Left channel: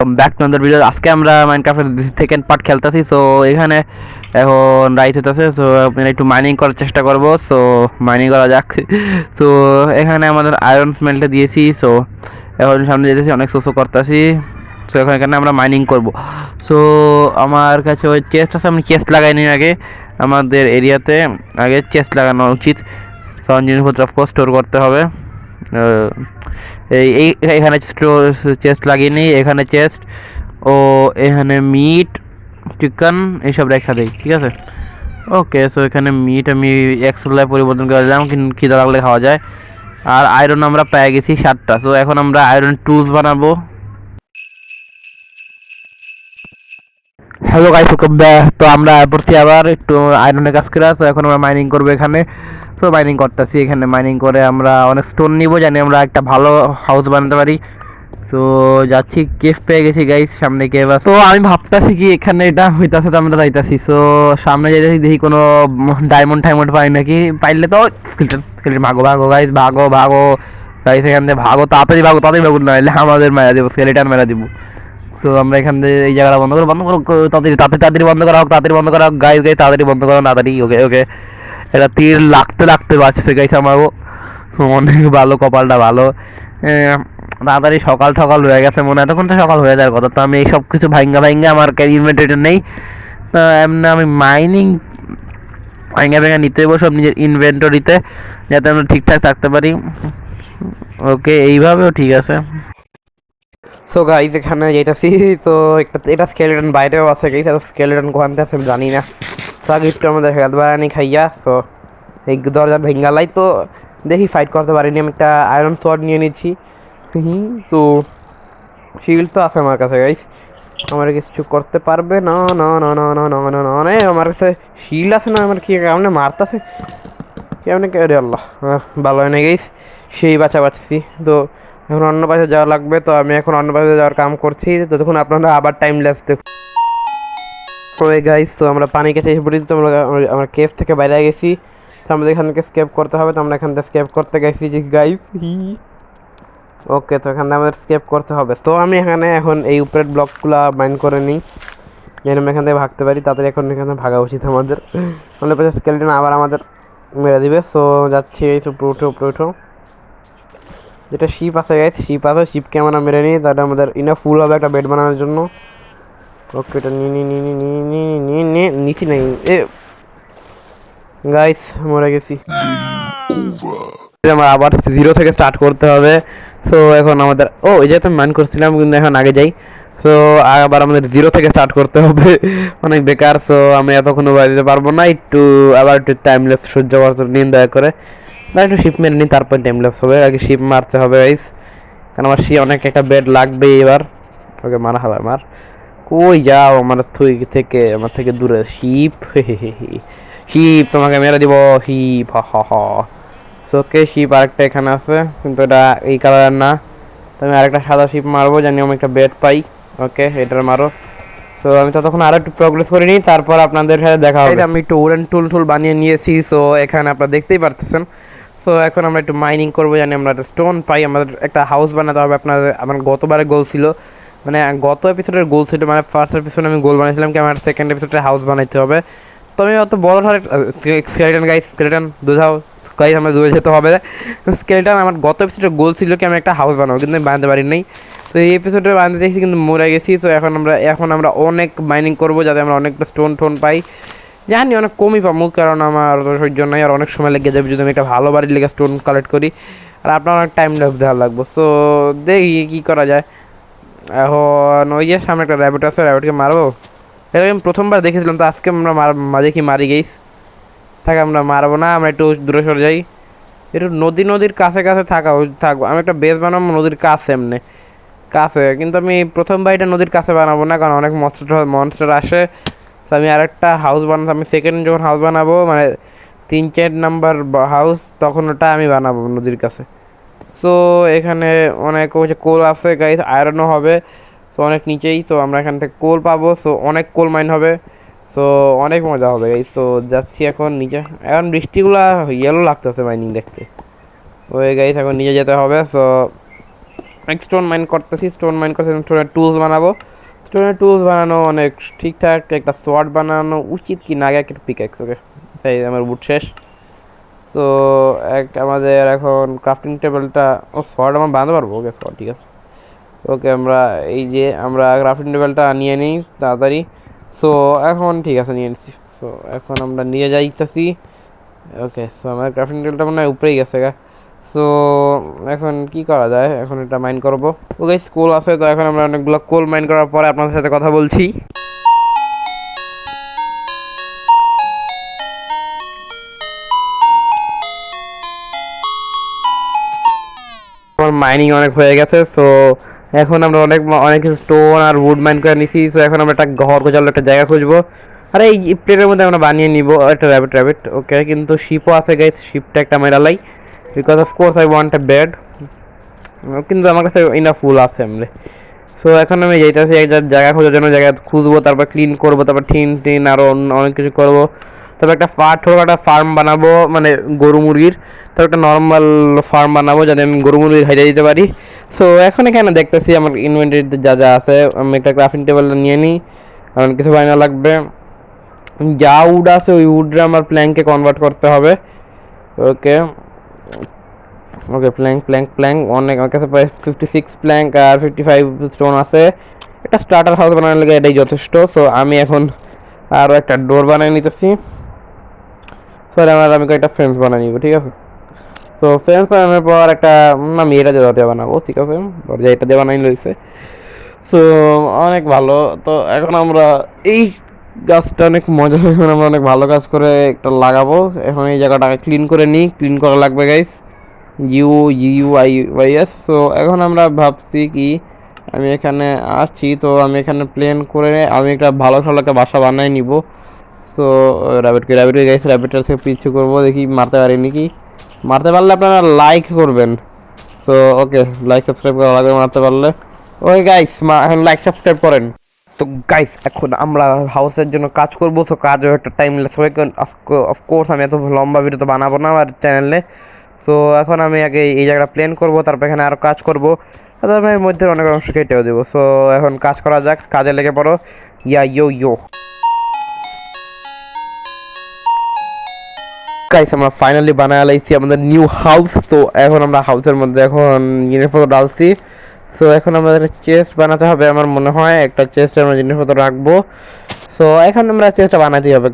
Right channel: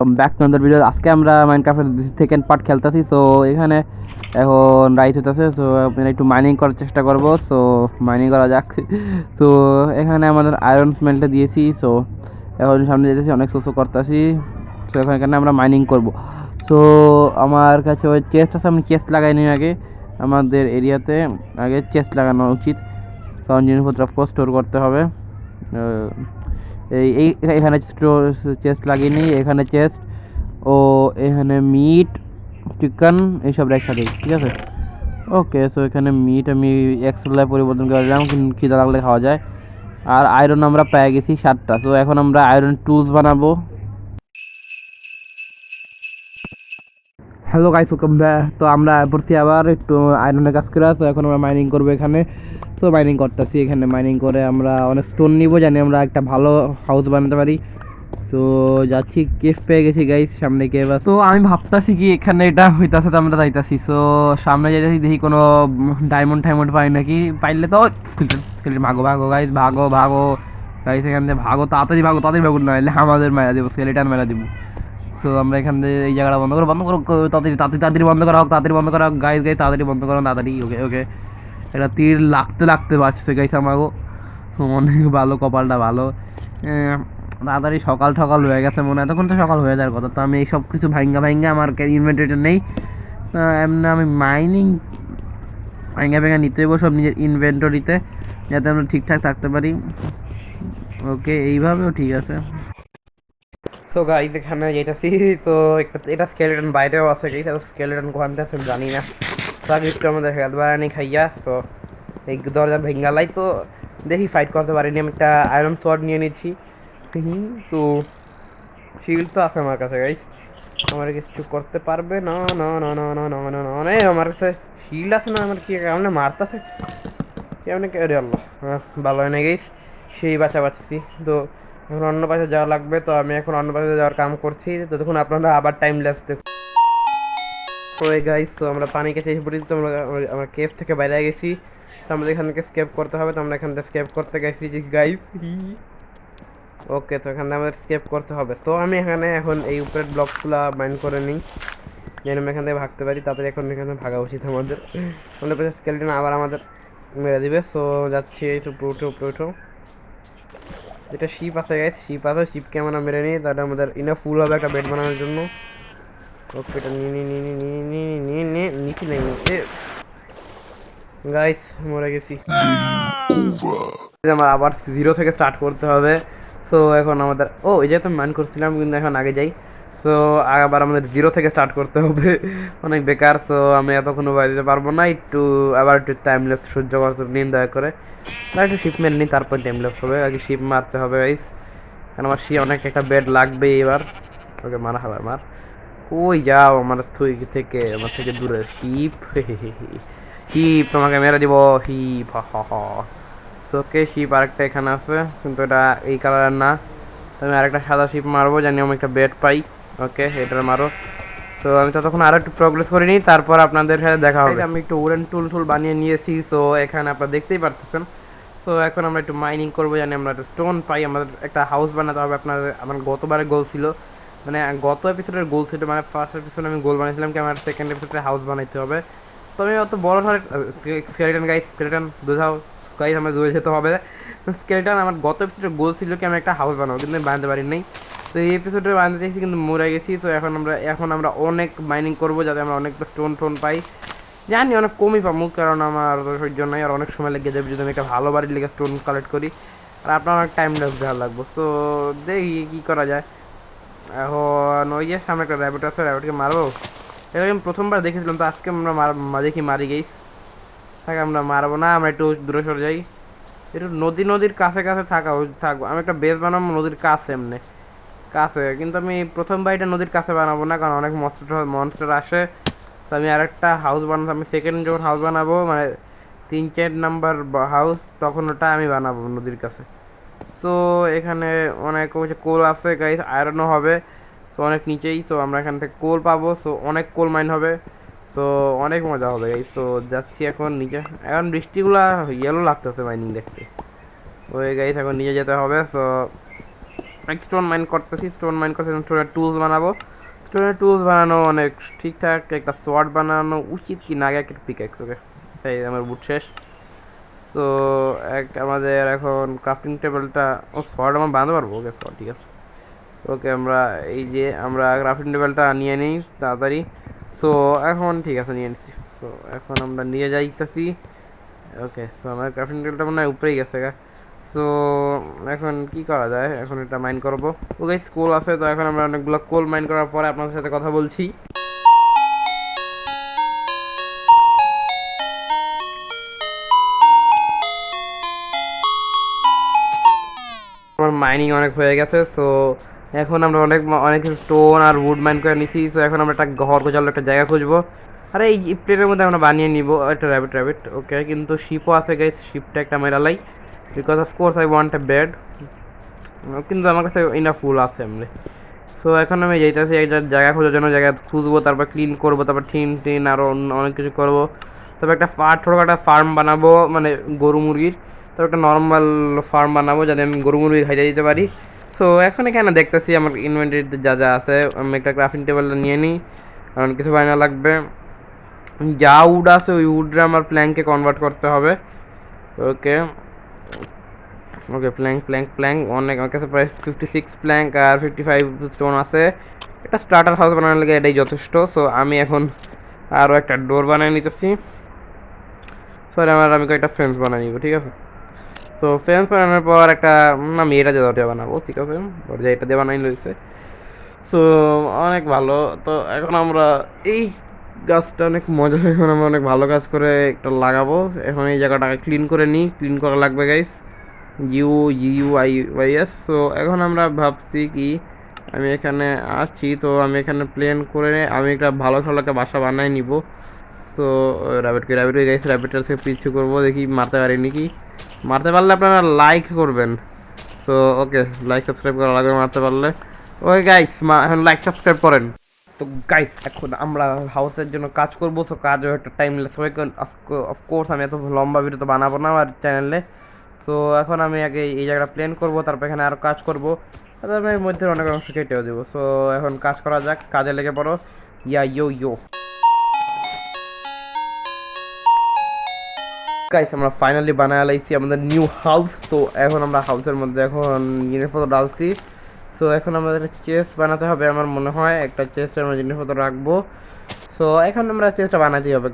Back to other video. আজকে আমরা মাইনক্রাফটের second part খেলতেছি। সো এখানে এখন রাইট হইতেছে। সো আপনারা একটু মাইনিং করার চেষ্টা করব। সো মাইনিং করা যাক। সো এখানে আমাদের আয়রন স্মেলটা দিয়েছি। সো এখন সামনে যেতেছি, অনেক শোষো করতেছি। সো এখন এখানে আমরা মাইনিং করব। সো আমার কাছে ওই চেস্ট আছে, আমি চেস্ট লাগাই নি আগে। আমাদের এরিয়াতে আগে চেস্ট লাগানো উচিত, কারণ জিনিসপত্র অফকোর্স স্টোর করতে হবে। এই এখানে চেস্ট লাগিয়ে এখানে চেস্ট ও এখানে মিট চিকেন এইসব রেখা দেই, ঠিক আছে। ওকে, সো এখানে মিট আমি এক্সট্রা পরিবর্তন করে দিলাম, কিন্তু খিদা লাগলে খাওয়া যায়। আর আয়রন আমরা পেয়ে গেছি 7টা। সো এখন আমরা আয়রন টুলস বানাবো। Hello guys, welcome back. তো আমরা পড়ছি আবার একটু আয়রনের কাজ করে। তো এখন আমরা মাইনিং করবো এখানে। তো মাইনিং করতেছি, এখানে মাইনিং করে আমরা অনেক স্টোন নিব, জানি আমরা একটা ভালো হাউস বানাতে পারি। তো যাচ্ছি, কেভ পেয়ে গেছি গাইস, সামনে কেভ আছে। তো আমি ভাবতেছি কি এখানে এটা হইতাছে, তো আমরা যাইতাছি। সো সামনে যাইতেছি, দেখি কোনো ডায়মন্ড টাইমন্ড পাই নাকি। পাইলে তো ভাগো ভাগো গাইস, ভাগো ভাগো গাইস, এখান থেকে ভাগো, তাড়াতাড়ি ভাগো, তাড়াতাড়ি ভাগো, নাহলে আমাদের মেরা দিব, স্কেলেটন মেরা দিব। সো আমরা এখান থেকে এই জায়গাটা বন্ধ করো, বন্ধ করো, তাড়াতাড়ি তাড়াতাড়ি তাড়াতাড়ি বন্ধ করা হোক, তাড়াতাড়ি বন্ধ করা হোক গাইস, গাইস তাড়াতাড়ি বন্ধ করো, তাড়াতাড়ি। ওকে ওকে, এটা তীর লাগতে লাগতে বাঁচছে গাইস আমারও। অনেক ভালো, কপালটা ভালো। তাড়াতাড়ি সকাল সকাল হয়ে গেছে মনে হয়, তখন তো সকাল হয়ে যাওয়ার কথা। তো আমি এই সব কিছু ভাঙ্গা ভাঙ্গা, আমার ইনভেন্টরিটা নেই। এমনি আমি মাইনিং ভাঙ্গা ভাঙ্গা নিতে হইব সব নিজের ইনভেন্টরিতে, যাতে আমরা ঠিকঠাক থাকতে পারি। ওকে, এইভাবেও ঠিক আছে। সো গাইজ এখানে যেটাছি, তো এটা স্কেলেটন বাইরেও আছে গাইজ, আর স্কেলেটন কোয়ান্তে আছে আমি জানি না। তো আগে একটু আমাদের হেলথ বাড়ানি খাইয়া, তো এই দরজা ভেঙ্গালাই, তো দেখি ফাইট করতে পারিনি। আমি একটা আয়রন সোয়ার্ড নিয়ে নিচ্ছি। তো শিল্ড তো আছে আমার কাছে গাইজ, আমার কিছু করতে পারবে না না না না না না না না না, আমার কাছে শিল্ড আছে না, আমার কি কেমন মারতেছে, কেমন কে রে আল্লাহ। ভালো হয় না গাইজ, সেই বাঁচা বাঁচছি। তো এখন অন্য পাশে যাওয়া লাগবে, তো আমি এখন অন্য পাশে যাওয়ার কাম করছি। তো তখন আপনারা আবার টাইম ল্যাপস দেখুন। ওই গাইস, তো আমরা পানি কাছে এসে পড়েছি। তো আমরা কেভ থেকে বাইরে গেছি, তো আমাদের এখান থেকে স্কেপ করতে হবে। তো আমরা এখান থেকে স্কেপ করতে গেছি গাইস। ওকে, তো এখানে আমাদের স্কেপ করতে হবে। তো আমি এখানে এখন এই উপরের ব্লকগুলো মাইন্ড করে নিই, যেন আমি এখান থেকে ভাগতে পারি তাড়াতাড়ি। এখন এখানে ভাগা উচিত আমাদের, আমাদের পাশে স্কেলটন আবার আমাদের মেরে দিবে। সো যাচ্ছি, এই উপরে উঠো, উপরে উঠো। যেটা শিপ আছে গাইস, শিপ আছে, শিপকে আমরা মেরে নিই, তাহলে আমাদের ইনাফ ফুল হবে একটা বেড বানানোর জন্য। ওকে, এটা নিচি নেই এ গাইস, মরে গেছি। আমার আবার জিরো থেকে স্টার্ট করতে হবে। সো এখন আমাদের এই যে তো মান করছিলাম, কিন্তু এখন আগে যাই। সো আবার আমাদের জিরো থেকে স্টার্ট করতে হবে। অনেক বেকার। সো আমি এতক্ষণ বাড়িতে পারবো না, একটু আবার একটু টাইম ল্যাপস সহ্য করতে নিন দয়া করে, বা একটু শিপ মেরে নিন, তারপর টাইম ল্যাপস হবে। আগে শিপ মারতে হবে গাইস, কারণ আমার অনেক একটা বেড লাগবে এবার। ওকে, মারা হবে আমার। কই যাও আমার আমার থেকে দূরে শিপ। শিপ তোমাকে মেরে দিব, শিপ। হ হ হ। ওকে, শিপ আরেকটা এখানে আছে, কিন্তু এটা এই কালারের না। তো আমি আরেকটা সাদা শিপ মারবো, জানি আমি একটা বেড পাই। ওকে, এটার মারো। সো আমি ততক্ষণ আরো একটু প্রোগ্রেস করে নিই, তারপর আপনাদের সাথে দেখা হবে। আমি একটু উডেন টুল টুল বানিয়ে নিয়েছি। সো এখানে আপনারা দেখতেই পারতেছেন। সো এখন আমরা একটু মাইনিং করবো, জানি আমরা একটা স্টোন পাই। আমাদের একটা হাউস বানাতে হবে। আমার গতবারে গোল ছিল, মানে গত এপিসোডের গোল ছিল, মানে ফার্স্ট এপিসোডে আমি গোল বানিয়েছিলাম কি আমার সেকেন্ড এপিসোডে হাউস বানাইতে হবে। তো আমি অত বড় ধরে স্কেলেটন গাইস, স্কেলেটন দুধাও গাইস, আমরা দূরে যেতে হবে। স্কেলেটন আমার গত এপিসোডে গোল ছিল কি আমি একটা হাউস বানাবো, কিন্তু আমি বানাতে পারি নাই। তো এই এপিসোডে বানাতে চাইছি, কিন্তু মরে গেছি। তো এখন আমরা অনেক মাইনিং করবো, যাতে আমরা অনেকটা স্টোন টোন পাই। জানি অনেক কমই পাবো, কারণ আমার সহ্য নাই, আর অনেক সময় লেগে যাবে যদি আমি একটা ভালো বাড়ির লেগে স্টোন কালেক্ট করি, আর আপনার অনেক টাইম দেওয়া লাগবে। সো দেখি কী করা যায়। এখন ওই যে সামনে একটা র্যাবিট আছে, র্যাবিটকে মারবো। এটা আমি প্রথমবার দেখেছিলাম, তো আজকে আমরা দেখি মারি গেইস। থাকে, আমরা মারবো না, আমরা একটু দূরে সরে যাই। একটু নদীর কাছে কাছে থাকবো। আমি একটা বেস বানাবো নদীর কাছে, এমনি কাছে। কিন্তু আমি প্রথমবার এটা নদীর কাছে বানাবো না, কারণ অনেক মনস্টার আসে। তো আমি আরেকটা হাউস বানাবো। আমি সেকেন্ড যখন হাউস বানাবো, মানে 3-4 নাম্বার হাউস, তখন ওটা আমি বানাবো নদীর কাছে। সো এখানে অনেক কোল আছে গাইস, আয়রনও হবে। সো অনেক নিচেই, তো আমরা এখান থেকে কোল পাবো। সো অনেক কোল মাইন হবে। সো অনেক মজা হবে গাইস। তো যাচ্ছি এখন নিচে। এখন বৃষ্টিগুলা ইয়েলো লাগতেছে মাইনিং দেখতে। ওই গাইস, এখন নিচে যেতে হবে। সো স্টোন মাইন করতেছি, স্টোন মাইন করতে স্টোনের টুলস বানাবো। স্টোনের টুলস বানানো অনেক ঠিকঠাক, একটা সোয়ার্ড বানানো উচিত কি না, আগে একটা পিক্যাক্স। ওকে, তাই আমার বুট শেষ। তো আমাদের এখন ক্রাফটিং টেবিলটা, ও সোয়ার্ড আমরা বানাতে পারবো। ওকে সোয়ার্ড ঠিক আছে। ওকে আমরা এই যে আমরা ক্রাফটিং টেবিলটা নিয়ে নিই তাড়াতাড়ি। সো এখন ঠিক আছে নিয়ে নিচ্ছি। সো এখন আমরা নিয়ে যাইতেছি। ওকে সো আমার ক্রাফটিং টেবিলটা মনে হয় উপরেই গেছে গা। সো এখন কি করা যায়, এখন এটা মাইন করবো। ওকে কোল আছে, তো এখন আমরা অনেকগুলো কোল মাইন করার পরে আপনাদের সাথে কথা বলছি। আমার মাইনিং অনেক হয়ে গেছে। সো এখন আমরা অনেক স্টোন আর উড মাইন করে নিছি। সো এখন আমরা একটা ঘর গোছালো একটা জায়গা খুঁজবো। আর এই প্লেটের মধ্যে আমরা বানিয়ে নিব একটা র্যাবিট। ওকে কিন্তু শিপও আছে গাইস, শিপটা একটা মেরালাই, because of course I want a bed. কিন্তু আমার কাছে ইনাফ ফুল আছে এমনি। সো এখন আমি যাইতেছি একটা জায়গা খোঁজার জন্য, জায়গা খুঁজবো, তারপর ক্লিন করবো, তারপর টিন আরও অনেক কিছু করবো। তারপর একটা ছোটোখাটো ফার্ম বানাবো, মানে গরু মুরগির। তারপর একটা নর্মাল ফার্ম বানাবো যাতে আমি গরু মুরগি খাইতে দিতে পারি। সো এখন এখানে দেখতেছি আমার ইনভেন্টরিতে যা যা আছে, আমি একটা ক্রাফটিং টেবিল নিয়ে নিই, কারণ কিছু বানানো লাগবে। যা উড আছে ওই উডরে আমার প্ল্যাঙ্কে কনভার্ট করতে হবে। ওকে ওকে প্ল্যাঙ্ক অনেক, আমার কাছে প্রায় 56 প্ল্যাঙ্ক আর 55 স্টোন আছে। একটা স্টার্টার হাউস বানানোর লেগে এটাই যথেষ্ট। সো আমি এখন আরও একটা ডোর বানিয়ে নিতেছি। সরি আমি কয়েকটা ফ্রেন্স বানিয়ে নিব, ঠিক আছে। তো ফ্রেন্স বানানোর পর একটা আমি এটা দিয়ে দরজা বানাবো, ঠিক আছে। দরজা এটা দিয়ে বানাই নিয়েছে। সো অনেক ভালো। তো এখন আমরা এই গাছটা অনেক মজা, এখন আমরা অনেক ভালো কাজ করে একটা লাগাবো। এখন এই জায়গাটাকে ক্লিন করে নিই, ক্লিন করা লাগবে গাইস। UUIYS। তো এখন আমরা ভাবছি কি, আমি এখানে আসছি, তো আমি এখানে প্লেন করে আমি একটা ভালো একটা বাসা বানাই নিব। সো র্যাবিট গাইস, র্যাবিটের থেকে পিছু করবো, দেখি মারতে পারি নাকি। মারতে পারলে আপনারা লাইক করবেন। সো ওকে লাইক সাবস্ক্রাইব করা লাগবে মারতে পারলে। ওই গাইস এখন লাইক সাবস্ক্রাইব করেন। তো গাইস এখন আমরা হাউসের জন্য কাজ করবো। সো কাজও একটা টাইম লেস হবে, কারণ অফকোর্স আমি এত লম্বা ভিডিও তো বানাবো না আমার চ্যানেলে। সো এখন আমি আগে এই জায়গাটা প্ল্যান করবো, তারপর এখানে আরও কাজ করবো, তারপর এর মধ্যে অনেক অংশ কেটেও দেবো। সো এখন কাজ করা যাক, কাজে লেগে পড়ো। ইয়ো গাইস আমরা ফাইনালি বানায় লাইছি আমাদের নিউ হাউস। তো এখন আমরা হাউসের মধ্যে এখন জিনিসপত্র ডালছি। সো এখন আমাদের চেস্ট বানাতে হবে, আমার মনে হয় একটা চেস্টে আমরা জিনিসপত্র রাখবো। সো এখন আমরা চেস্টটা বানাতেই হবে,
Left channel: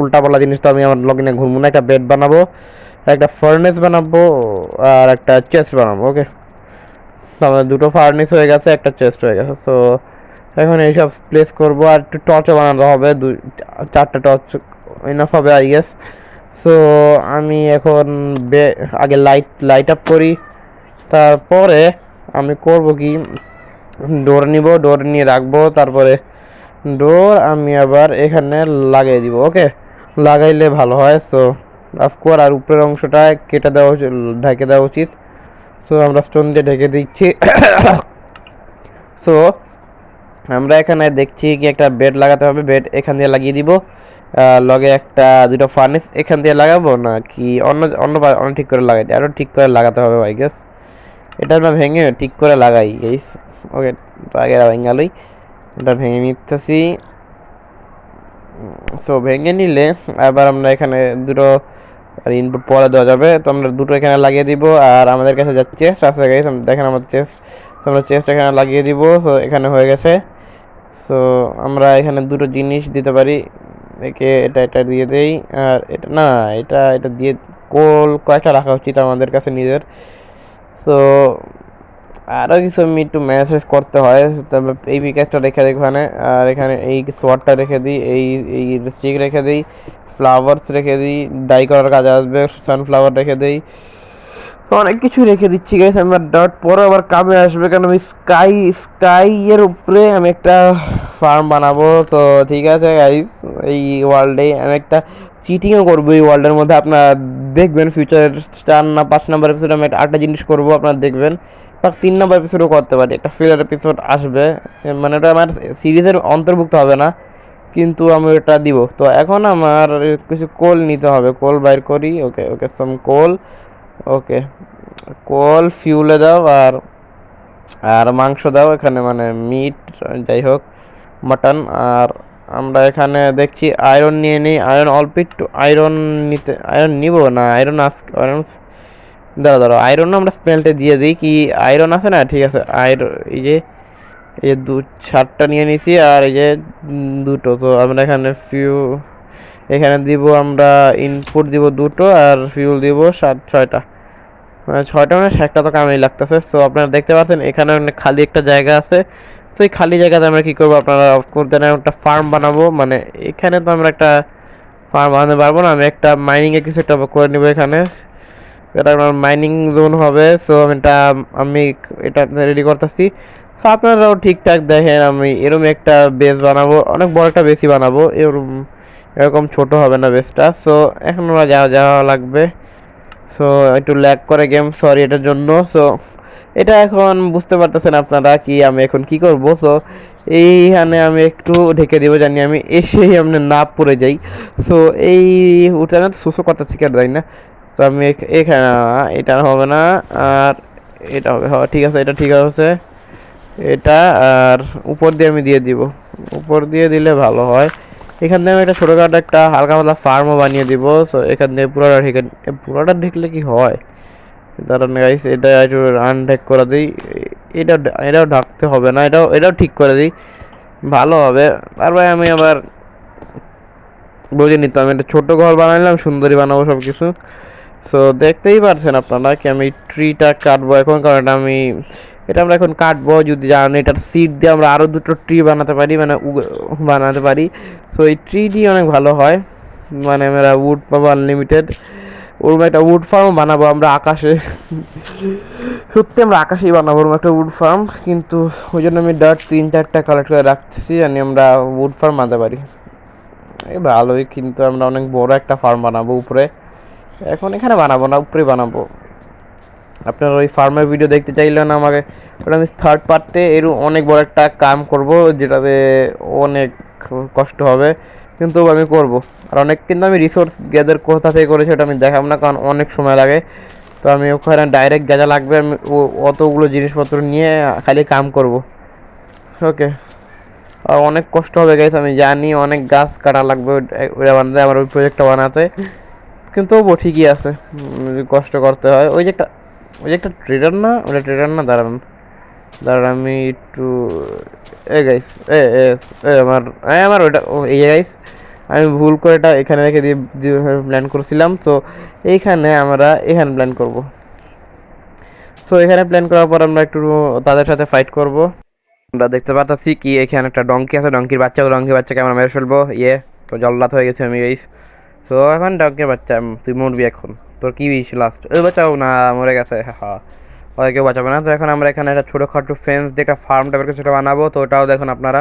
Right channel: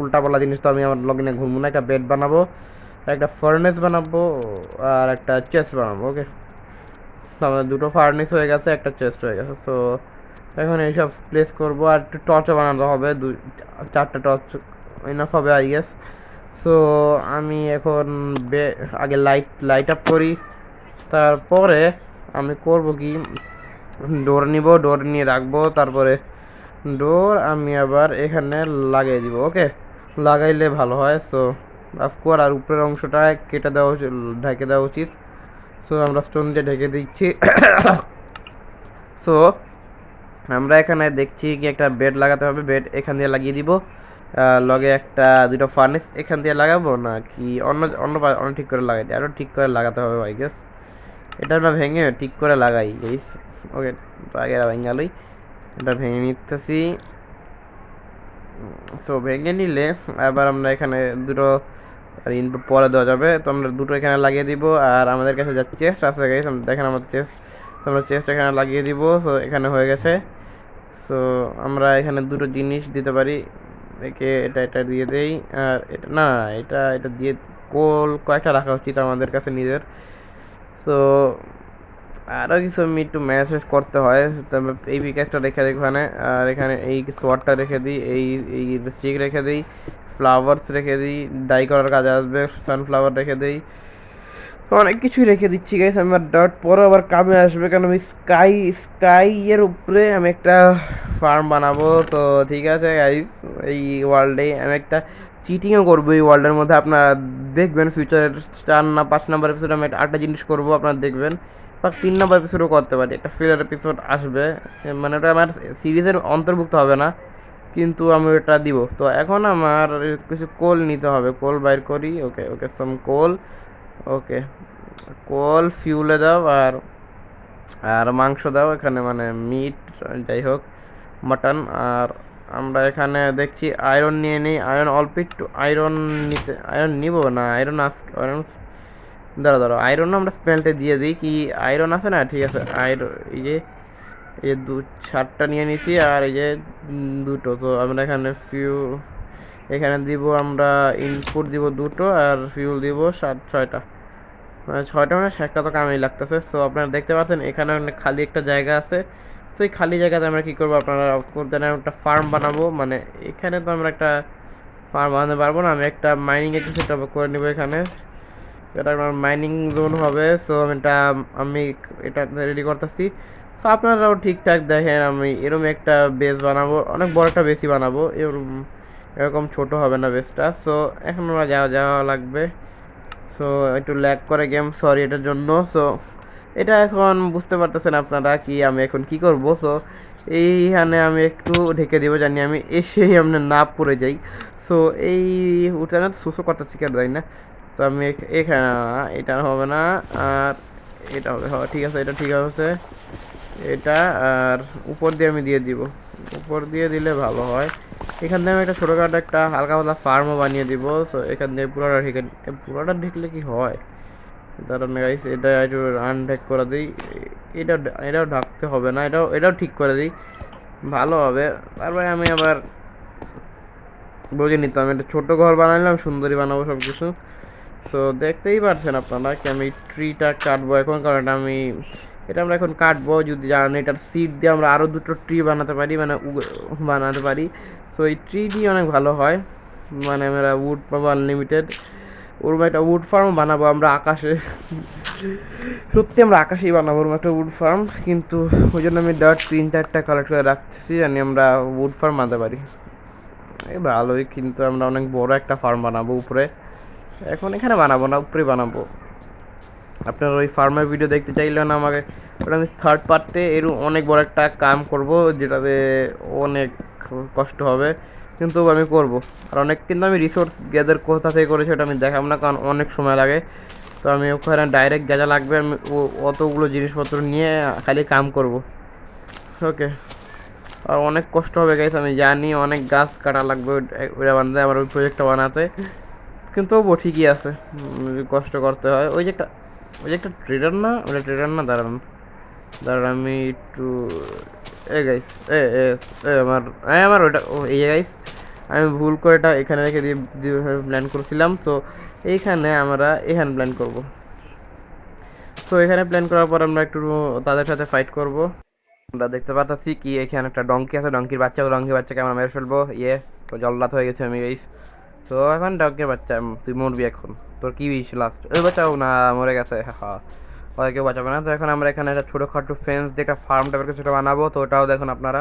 উল্টা পাল্টা জিনিস তো আমি আমার লগইনে ঘুরবো না। একটা বেড বানাবো, একটা ফার্নেস বানাবো, আর একটা চেস্ট বানাবো। ওকে আমাদের দুটো ফার্নেস হয়ে গেছে, একটা চেস্ট হয়ে গেছে। সো এখন এইসব প্লেস করবো, আর একটু টর্চও বানাতে হবে, 4টা টর্চ ইনাফ হবে আই গেস। সো আমি এখন আগে লাইট আপ করি, তারপরে আমি করব কি, ডোর নিব, ডোর নিয়ে রাখবো, তারপরে ডোর আমি আবার এখানে লাগিয়ে দিব। ওকে লাগাইলে ভালো হয়। সো অফকোর্স আর উপরের অংশটা কেটে দেওয়া ঢেকে দেওয়া উচিত। সো আমরা স্টোন দিয়ে ঢেকে দিচ্ছি। সো আমরা এখানে দেখছি কি একটা বেড লাগাতে হবে, বেড এখান দিয়ে লাগিয়ে দিব, লগে একটা দুটো ফার্নেস এখান দিয়ে লাগাবো, না কি অন্য ঠিক করে লাগাই, আরও ঠিক করে লাগাতে হবে আই গেস। এটা না ভেঙে ঠিক করে লাগাই গাইস। ওকে তো আগে ভেঙে গেলই, এটা ভেঙে নিতেছি। সো ভেঙে নিলে আবার আমরা এখানে দুটো ইনপুট পরে দেওয়া যাবে, তো আমরা দুটো এখানে লাগিয়ে দিব। আর আমাদের কাছে যা চেস্ট আছে গাইস, দেখেন আমার চেস্ট, আমরা চেস্ট এখানে লাগিয়ে দিব। সো এখানে হয়ে গেছে। সো আমরা এখানে দুটো জিনিস দিতে পারি, একে এটা দিয়ে দেই, আর এটা না এটা দিয়ে কয়েকটা রাখা উচিত আমাদের কাছে নিজের। সো আরও কিছু আমি একটু ম্যানেজ করতে হয়, তবে এই পিকাসটা রেখে দিই এখানে, আর এখানে এই সোয়ারটা রেখে দিই, এই স্টিক রেখে দিই, ফ্লাওয়ার্স রেখে দিই, ডাই করার কাজে আসবে, সানফ্লাওয়ার রেখে দিই, অনেক কিছু রেখে দিচ্ছি গাইস। আমার ডট পরে আবার কামে আসবে, কারণ আমি স্কাই এর উপরে আমি একটা ফার্ম বানাবো। তো ঠিক আছে গাইস, এই ওয়ার্ল্ডে আমি একটা চিটিংও করবো এই ওয়ার্ল্ডের মধ্যে, আপনারা দেখবেন ফিউচারের 4 না 5 নম্বর এপিসোডে আমি একটা জিনিস করবো, আপনারা দেখবেন। বা 3 নম্বর এপিসোডও করতে পারি, একটা ফিলার এপিসোড আসবে, মানে ওটা আমার সিরিজের অন্তর্ভুক্ত হবে না, কিন্তু আমি ওটা দিব। তো এখন আমার কিছু কোল নিতে হবে, কোল বাইর করি। ওকে সাম কোল। ওকে কোল ফিউলে দাও, আর আর মাংস দাও এখানে, মানে মিট, যাই হোক মাটন। আর আমরা এখানে দেখছি আয়রন নিয়ে নিই, আয়রন অল্প একটু আয়রন নিতে, আয়রন নিব না, আয়রন আয়রন দাঁড়া দাঁড়া, আয়রন আমরা স্মেলটে দিয়ে দিই, কি আয়রন আছে না, ঠিক আছে আয়রন, এই যে সাতটা নিয়ে নিছি, আর এই যে দুটো, তো আমরা এখানে এখানে দিব আমরা ইনপুট দিব দুটো, আর ফিউল দিব ছয়টা, মানে ছয়টা মানে একটা তো কামেই লাগতেছে। সো আপনারা দেখতে পাচ্ছেন এখানে অনেক খালি একটা জায়গা আছে। তো এই খালি জায়গাতে আমরা কি করবো, আপনারা করতে একটা ফার্ম বানাবো, মানে এখানে তো আমরা একটা ফার্ম বানাতে পারবো না, আমি একটা মাইনিং এর কিছু একটা করে নিবো এখানে, এটা আমার মাইনিং জোন হবে। সো আমি এটা রেডি করতেছি। তো আপনারাও ঠিকঠাক দেখেন, আমি এরকম একটা বেস বানাবো, অনেক বড় একটা বেসই বানাবো, এরকম এরকম ছোট হবে না বেসটা। সো এখন ওরা যাওয়া যাওয়া লাগবে। সো একটু ল্যাগ করে গেম, সরি এটার জন্য। সো এটা এখন বুঝতে পারতেছেন আপনারা কি আমি এখন কি করব। সো এইখানে আমি একটু ঢেকে দিব, জানি আমি এসেই আমি না পড়ে যাই। সো এই উঠানে সুসো করতেছি কেন যাই না। তো আমি এখানে, এটা হবে না, আর এটা হবে, হ্যাঁ ঠিক আছে, এটা ঠিক আছে, এটা আর উপর দিয়ে আমি দিয়ে দিব, উপর দিয়ে দিলে ভালো হয়। এখান থেকে আমি একটা ছোটোখাটো একটা হালকা পাতলা ফার্মও বানিয়ে দিব। সো এখান থেকে পুরোটা ঢেকে, পুরোটা ঢেকলে কি হয়, দাঁড়ান গাইস, এটা একটু আনঢেক করে দিই, এটা এটাও ঢাকতে হবে না, এটাও ঠিক করে দিই, ভালো হবে। তারপরে আমি আবার বুঝে নিতাম, একটা ছোট ঘর বানাইলাম, সুন্দরী বানাবো সব কিছু। সো দেখতেই পারছেন আপনারা কি আমি ট্রিটা কাটবো এখন, কারণ এটা আমরা এখন কাটবো, যদি জানেন এটার সিড দিয়ে আমরা আরও দুটো ট্রি বানাতে পারি, মানে বানাতে পারি। সো এই ট্রিটি অনেক ভালো হয়, মানে আমরা উড পাবো আনলিমিটেড। ওরকম একটা উড ফার্ম বানাবো আমরা আকাশে, সত্যি আমরা আকাশেই বানাবো ওরকম একটা উড ফার্ম, কিন্তু ওই জন্য আমি ডার্ট 3-4টা কালেক্ট করে রাখতেছি, জানি আমরা উড ফার্ম বানাতে পারি। এই ভালোই, কিন্তু আমরা অনেক বড় একটা ফার্ম বানাবো উপরে, এখন এখানে বানাবো না, উপরে বানাবো। আপনারা ওই ফার্মের ভিডিও দেখতে চাইলেন আমাকে, ওটা আমি থার্ড পার্টে এর অনেক বড় একটা কাম করব, যেটাতে অনেক কষ্ট হবে, কিন্তু আমি করব। আর অনেক, কিন্তু আমি রিসোর্স গ্যাদার কোথা থেকে করেছি ওটা আমি দেখাবো না, কারণ অনেক সময় লাগে। তো আমি ওখানে ডাইরেক্ট যা লাগবে আমি অতগুলো জিনিসপত্র নিয়ে খালি কাম করব। ওকে, আর অনেক কষ্ট হবে গাইস, আমি জানি অনেক গাছ কাটা লাগবে ওটা বানাতে, আমার ওই প্রজেক্টটা বানাতে, কিন্তু তবুও ঠিকই আছে, কষ্ট করতে হয়। ওই যে একটা ট্রেডার না, ওটা ট্রেডার না, দাঁড়ান দাঁড়ান আমি একটু, এ গাইস, এ এ এ আমার আমার ওটা, ও এই গাইস, আমি ভুল করে এটা এখানে রেখে দিয়ে প্ল্যান করছিলাম। তো এইখানে আমরা এখানে প্ল্যান করব। সো এখানে প্ল্যান করার পর আমরা একটু তাদের সাথে ফাইট করব। আমরা দেখতে পাচ্ছি কি এখানে একটা ডঙ্কি আছে, ডঙ্কির বাচ্চাকে আমরা মেরে ফেলবো, তো জল্লাদ হয়ে গেছে আমি গাইস। তো এখন ডঙ্কির বাচ্চা, তুই মরবি এখন, তোর কি বিষ লাস্ট, ওই বাচ্চাও না, মরে গেছে, হ্যাঁ ওরা কেউ বাঁচাবে না। তো এখন আমরা এখানে একটা ছোটোখাটো ফেন্স দিয়ে একটা ফার্ম টাইপের কিছুটা বানাবো, তো ওটাও দেখুন আপনারা।